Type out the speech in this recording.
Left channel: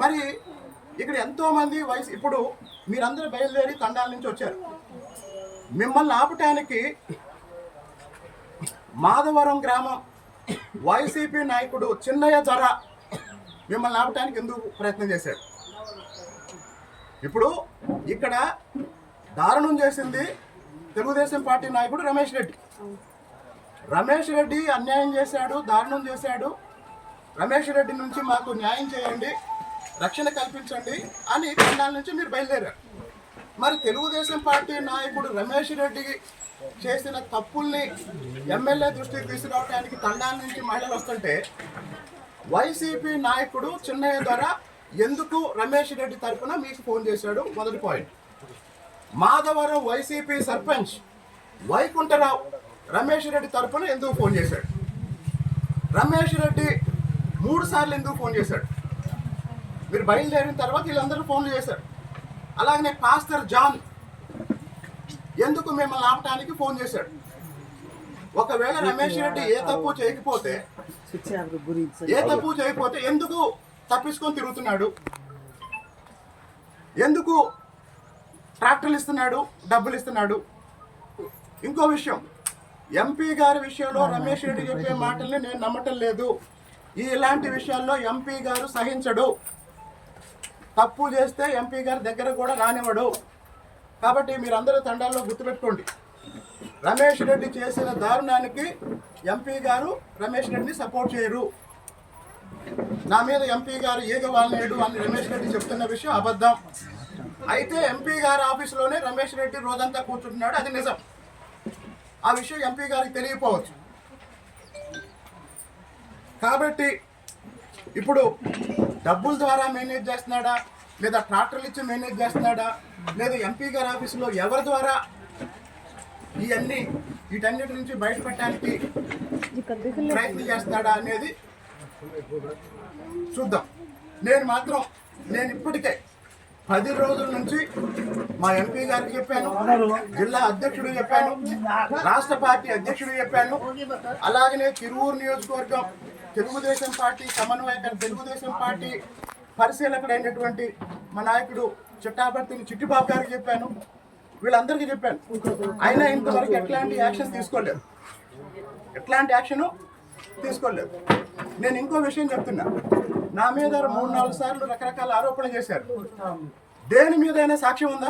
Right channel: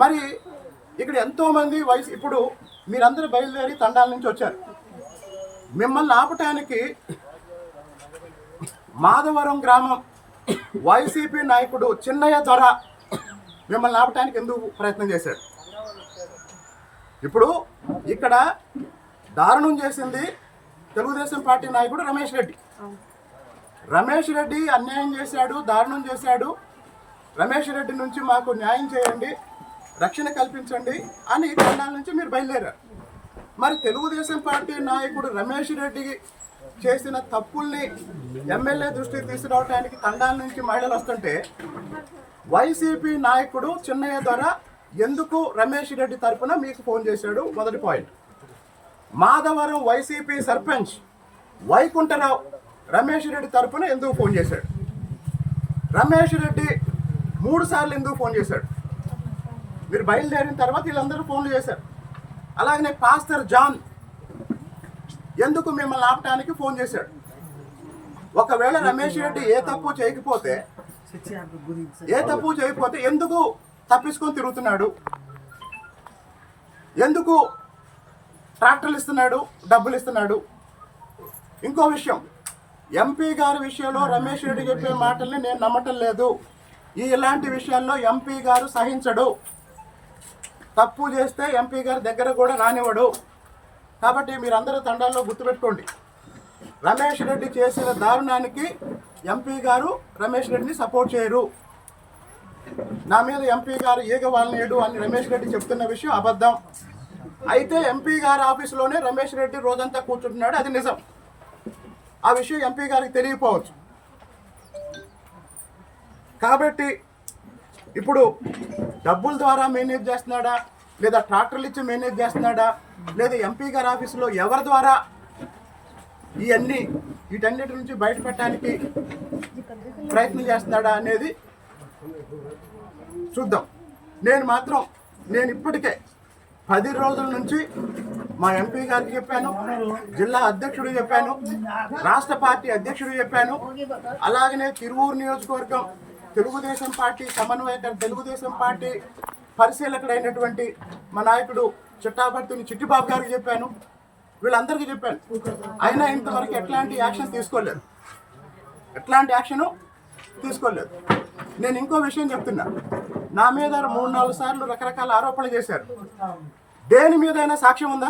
మరి ఇక్కడ ఎంతోమంది వయసు ఇప్పుడు మీరందరూ బయలుదేరి తండాల నుంచి వచ్చారు. మిమ్మల్ని ఆపటానికి మాధవరం గ్రామం వైసీపీ నాయకుడు చిన్నయ్య దొర మిమ్మల్ని ఆపటానికి ఎందుకు ప్రయత్నం చేశాడు? ఇప్పుడు ఇక్కడ దారుణం చేసింది తెలుగుదేశం పార్టీ నాయకుడు రమేష్ రెడ్డి. రమేష్ రెడ్డి అన్యాయం చేశాడు, దారుణం చేశాడు. రమేష్ రెడ్డి నుంచి మాకు న్యాయం చేయండి, రక్షణ కల్పించండి అని తండాల నుంచి మీరు బయలుదేరారు. మరి తెలుగుదేశం పార్టీ నాయకుడు రమేష్ రెడ్డి చేసిన తప్పుల్ని ఎమ్మెల్యే దృష్టికి తీసుకురావడానికి తండాల నుంచి మహిళలు వస్తుంటే వైసీపీ నాయకుడు చిన్నయ్య ద్వారా ఎందుకు రమేష్ రెడ్డి తరఫున మీకు ఫోన్ చేశాడు? మొదటి పాయింట్. మాధవరం వైసీపీ సర్పంచ్ వైకుంఠరావు రమేష్ రెడ్డి తరఫున ఎందుకు ఫోన్ చేశాడు? రమేష్ రెడ్డి 3 సార్లు ఎందుకు ఫోన్ చేశాడు? మీరు బయలుదేరిన తర్వాత వీళ్ళందరూ ఫోన్లు చేశారు. అలాగనే పాస్టర్ జాన్ ఎందుకు మిమ్మల్ని ఆపటానికి ఫోన్ చేశాడు? ఒకవేళ రమేష్ రెడ్డి ఏ తప్పు చేయకపోతే ఎందుకు తప్పించుకొని తిరుగుతున్నాడు? ఎందుకు ట్రాక్టర్లు ఇస్తున్నాడు, డబ్బులు ఇస్తున్నాడు? ఇంకో విషయం, ఎంపీ గారి విషయంలో రమేష్ రెడ్డి చెప్పే మాటల్ని నేను నమ్మటం లేదు. ఇలాంటి విషయాల్లో ఎంపీ గారు సహించడు. తప్పు చేస్తే ఎంపీ గారి దగ్గర కూడా రానివ్వడు. కాబట్టి మీరందరూ తండాల్లో గుర్తుపెట్టుకోండి, రమేష్ రెడ్డి చేసిన దారుణానికి ఎంపీ గారు రమేష్ రెడ్డిని సపోర్ట్ చేయరు. నా మీద ఎంపీ గారు ఈగ వాలనేడు అని రమేష్ రెడ్డి చెప్తున్న విషయం అబద్ధం. అయితే ఎంపీ గారి ఆఫీసులోనే రమేష్ రెడ్డి రోజంతా కూర్చుంటున్నాడు, అది నిజం. ఆ విషయం ఎంపీ గారికి తెలియకపోవచ్చు. కాబట్టి ఇప్పుడు డబ్బుల ద్వారా మేనేజ్ చేస్తున్నాడా, లేదా ట్రాక్టర్లు ఇచ్చి మేనేజ్ చేస్తున్నాడా, లేదా ఎంపీ గారి ఆఫీసులో ఎవరి ద్వారా వీటన్నిటి నుంచి బయటపడటానికి ప్రయత్నం చేస్తున్నాడా అనేది చూద్దాం. నేను ఇప్పటికే 10 రోజుల నుంచి మా ఎంపీ గారికి చెప్పాను, జిల్లా అధ్యక్షుడు చెప్పాను, రాష్ట్ర పార్టీ అధ్యక్షుడు చెప్పాను. అలాగనే తిరువూరు నియోజకవర్గం తెలుగుదేశం పార్టీ సమన్వయకర్త, తెలుగుదేశం పార్టీ పరిశీలకుడైనటువంటి మా నాయకుడు చిట్టాపర్తిని చిట్టిబాబు గారికి చెప్పాను. వీళ్ళందరికీ చెప్పాను. అయినా ఇంతవరకు ఎట్లాంటి యాక్షన్ తీసుకోలేదు. నేను ఇంకో విషయం చెప్తున్నా, నా మీద 3-4 సార్లు రకరకాల ఆరోపణలు చేశారు. దేని మీదైనా సాక్ష్యం ఉందా?